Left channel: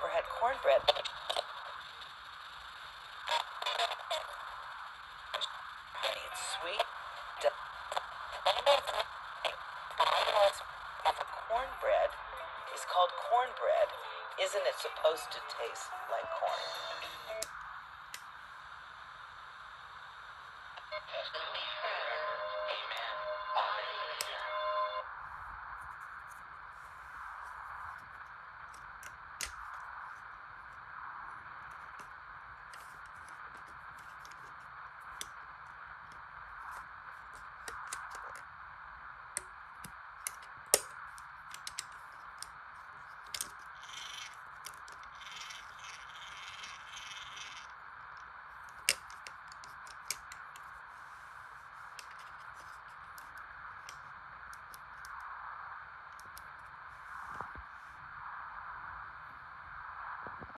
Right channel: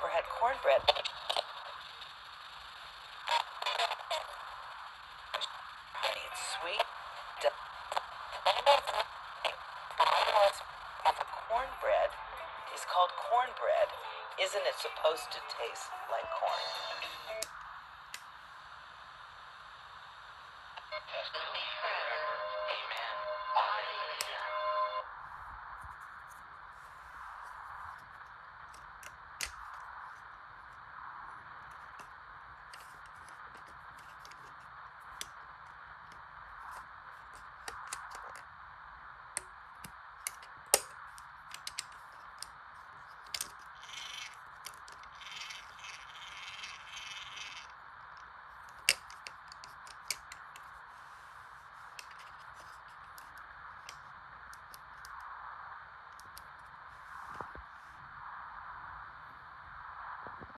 never had cornbread. Honey, it's sweet. Cornbread is called cornbread. Isn't it supposed to taste like corn?